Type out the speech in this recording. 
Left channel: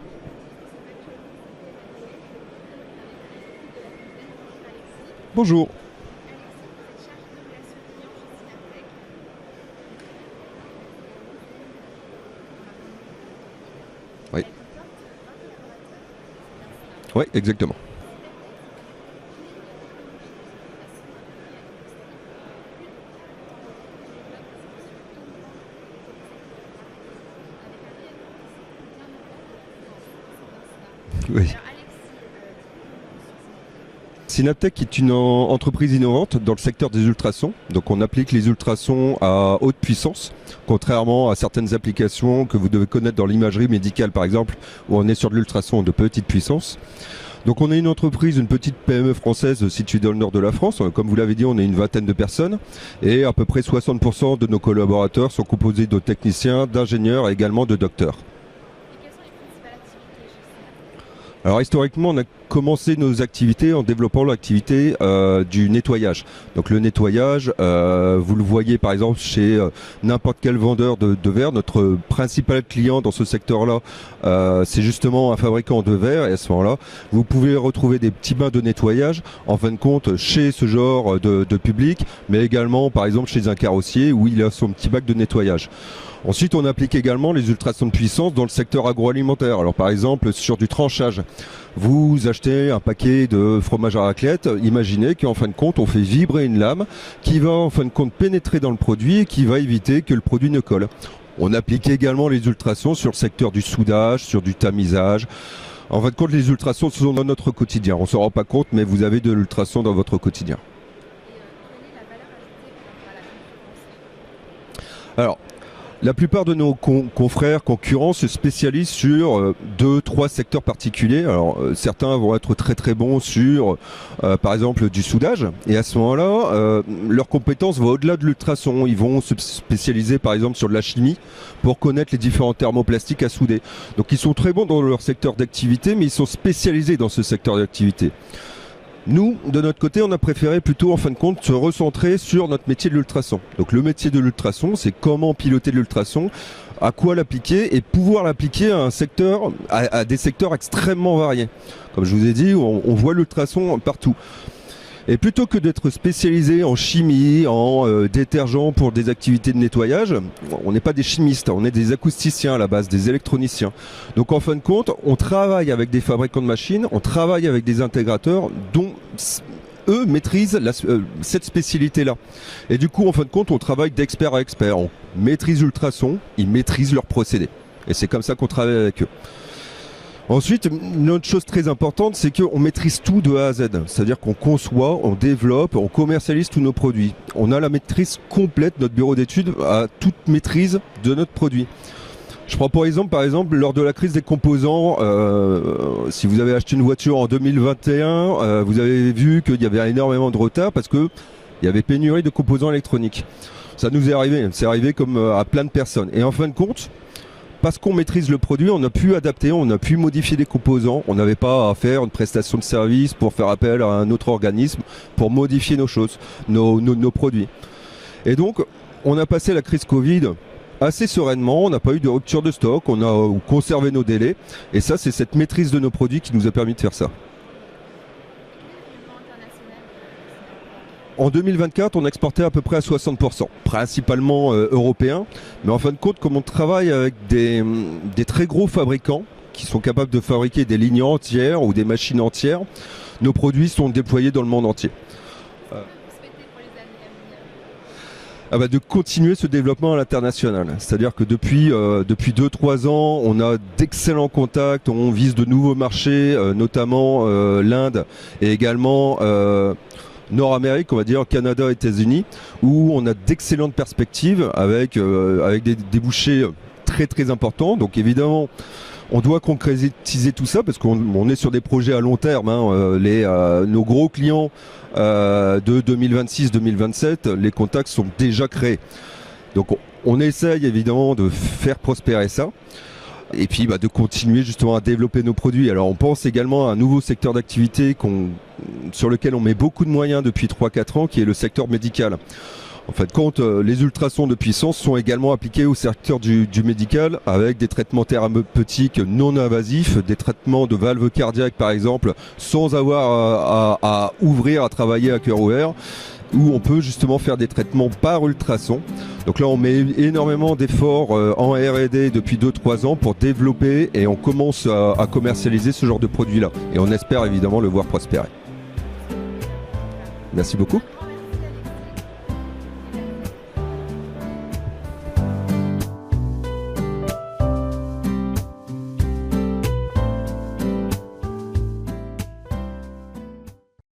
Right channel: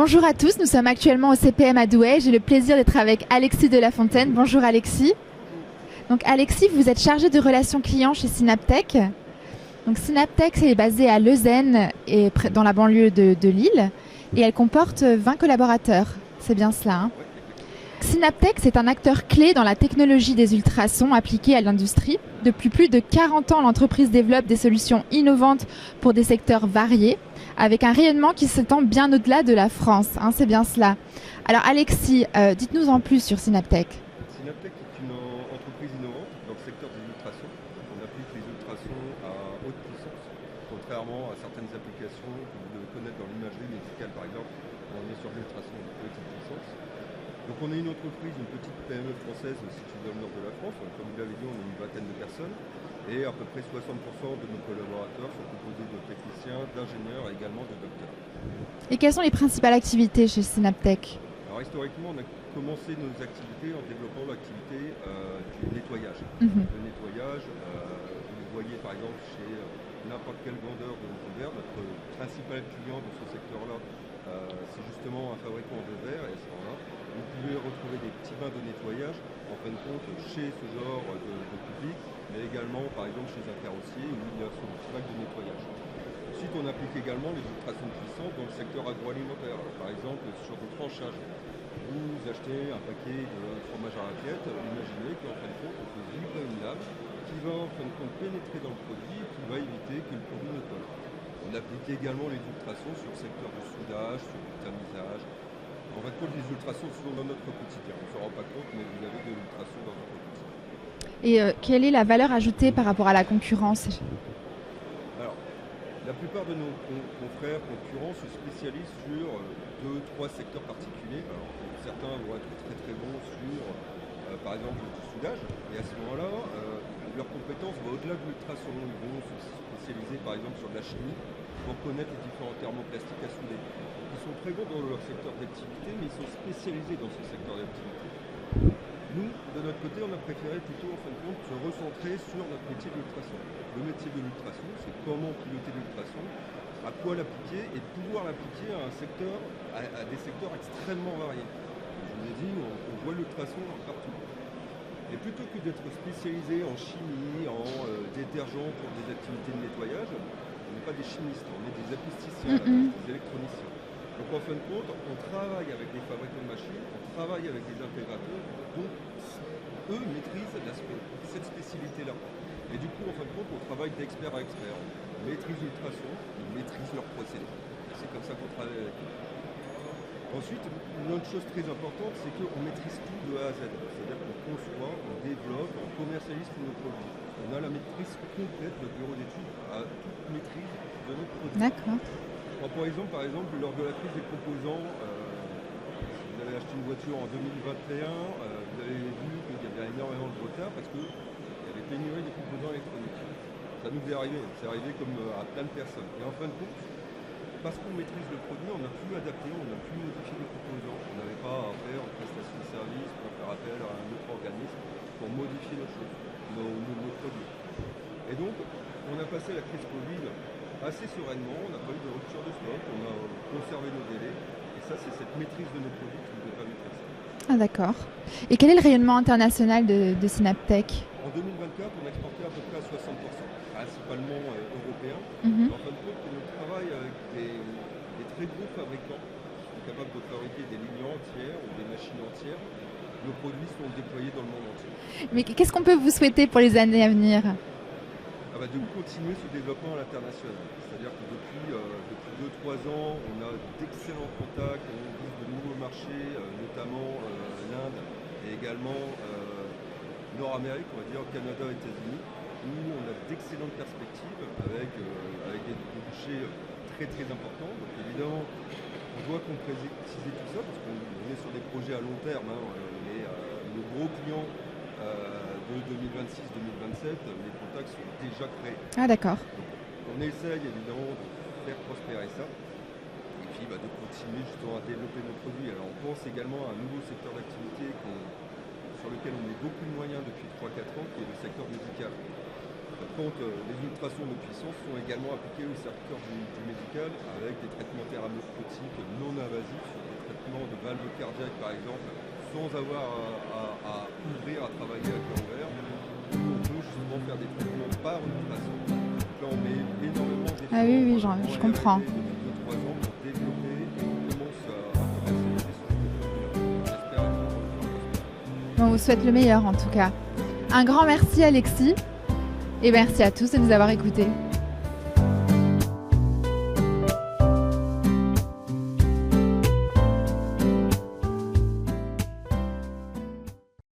Bonjour à tous, nous sommes actuellement au CPM à Douai. J'ai le plaisir d'être avec Alexis Delafontaine. Bonjour Alexis. Bonjour. Donc Alexis, vous êtes chargé de relations clients chez Synaptech. Donc Synaptech est basée à Leuzen et dans la banlieue de Lille. Oui. Et elle comporte 20 collaborateurs. C'est bien cela, hein? Oui, exactement. Synaptech, c'est un acteur clé dans la technologie des ultrasons appliqués à l'industrie. Depuis plus de 40 ans, l'entreprise développe des solutions innovantes pour des secteurs variés, avec un rayonnement qui s'étend bien au-delà de la France, hein, c'est bien cela. Oui. Alors Alexis, dites-nous en plus sur Synaptech. Synaptech est une entreprise innovante dans le secteur des ultrasons. Donc on applique les ultrasons à haute puissance, contrairement à certaines applications que vous devez connaître dans l'imagerie médicale par exemple, où on est sur de l'ultrason de petite puissance. Donc on est une entreprise, une petite PME française située dans le nord de la France. Comme vous l'avez dit, on est une vingtaine de personnes et à peu près 60% de nos collaborateurs sont composés de techniciens, d'ingénieurs et également de docteurs. Et quelles sont les principales activités chez Synaptech ? Alors historiquement, on a commencé nos activités en développant l'activité du nettoyage. Donc le nettoyage, vous le voyez par exemple chez n'importe quel vendeur de verre. Notre principal client dans ce secteur-là, c'est justement un fabricant de verre. Et à ce moment-là, vous pouvez retrouver des petits bains de nettoyage, en fin de compte, chez ce genre de public, mais également par exemple chez un carrossier où il a son petit bac de nettoyage. Ensuite, on applique également les ultrasons de puissance dans le secteur agroalimentaire. Alors par exemple, sur du tranchage, vous achetez un paquet de fromage à raclette, imaginez qu'en fin de compte, on fait vibrer une lame qui va en fin de compte pénétrer dans le produit et qui va éviter que le produit ne colle. On applique également les ultrasons sur le secteur du soudage, sur du tamisage. En fin de compte, les ultrasons sont dans notre quotidien. On ne s'en rend pas compte, mais vous avez de l'ultrason dans votre quotidien. Et quelle est la valeur ajoutée par rapport à la concurrence ? Alors, la plupart de nos confrères, concurrents se spécialisent sur 2-3 secteurs particuliers. Alors certains vont être très très bons sur par exemple du soudage et à ce moment-là leurs compétences vont au-delà de l'ultrason. Ils vont se spécialiser par exemple sur de la chimie pour connaître les différents thermoplastiques à souder. Donc ils sont très bons dans leur secteur d'activité mais ils sont spécialisés dans ce secteur d'activité. Nous, de notre côté, on a préféré plutôt, en fin de compte, se recentrer sur notre métier de l'ultrason. Donc le métier de l'ultrason, c'est comment piloter l'ultrason, à quoi l'appliquer et pouvoir l'appliquer à un secteur, à des secteurs extrêmement variés. Comme je vous ai dit, on voit l'ultrason partout. Et plutôt que d'être spécialisé en chimie, en détergent pour des activités de nettoyage, on n'est pas des chimistes, on est des acousticiens à la base, des électroniciens. Donc en fin de compte, on travaille avec des fabricants de machines, on travaille avec des intégrateurs dont eux maîtrisent cette spécialité-là. Et du coup, en fin de compte, on travaille d'expert à expert. On maîtrise l'ultrason, ils maîtrisent leurs procédés. Et c'est comme ça qu'on travaille avec eux. Ensuite, une autre chose très importante, c'est qu'on maîtrise tout de A à Z. C'est-à-dire qu'on conçoit, on développe, on commercialise tous nos produits. On a la maîtrise complète, notre bureau d'études a toute maîtrise de notre produit. Je prends par exemple, lors de la crise des composants, si vous avez acheté une voiture en 2021, vous avez vu qu'il y avait énormément de retard parce qu'il y avait pénurie de composants électroniques. Ça nous est arrivé, c'est arrivé comme à plein de personnes. Et en fin de compte, parce qu'on maîtrise le produit, on a pu adapter, on a pu modifier des composants. On n'avait pas à faire une prestation de service pour faire appel à un autre organisme pour modifier nos choses, nos produits. Et donc, on a passé la crise Covid assez sereinement, on n'a pas eu de rupture de stock, on a conservé nos délais. Et ça, c'est cette maîtrise de nos produits qui nous a permis de faire ça. Ah d'accord. Et quel est le rayonnement international de Synaptech ? En 2024, on exportait à peu près à 60%, principalement européens. Mais en fin de compte, comme on travaille avec des très gros fabricants qui sont capables de fabriquer des lignes entières ou des machines entières, nos produits sont déployés dans le monde entier. Mais qu'est-ce qu'on peut vous souhaiter pour les années à venir ? De continuer ce développement à l'international. C'est-à-dire que depuis 2-3 ans, on a d'excellents contacts, on vise de nouveaux marchés, notamment l'Inde et également Nord-Amérique, on va dire Canada, États-Unis, où on a d'excellentes perspectives avec des débouchés très très importants. Donc évidemment, on doit concrétiser tout ça parce qu'on est sur des projets à long terme. Nos gros clients de 2026-2027, les contacts sont déjà créés. Ah d'accord. Donc on essaye évidemment de faire prospérer ça et puis de continuer justement à développer nos produits. Alors on pense également à un nouveau secteur d'activité sur lequel on met beaucoup de moyens depuis 3-4 ans, qui est le secteur médical. En fait, compte, les ultrasons de puissance sont également appliqués au secteur du médical avec des traitements thérapeutiques non invasifs, des traitements de valves cardiaques par exemple, sans avoir à ouvrir, à travailler à cœur ouvert, où on peut justement faire des traitements par ultrasons. Donc là, on met énormément d'efforts en R&D depuis 2-3 ans pour développer, et on commence à commercialiser ce genre de produit-là. Et on espère évidemment le voir prospérer. On vous souhaite le meilleur en tout cas. Merci beaucoup. Un grand merci Alexis, et merci à tous de nous avoir écoutés.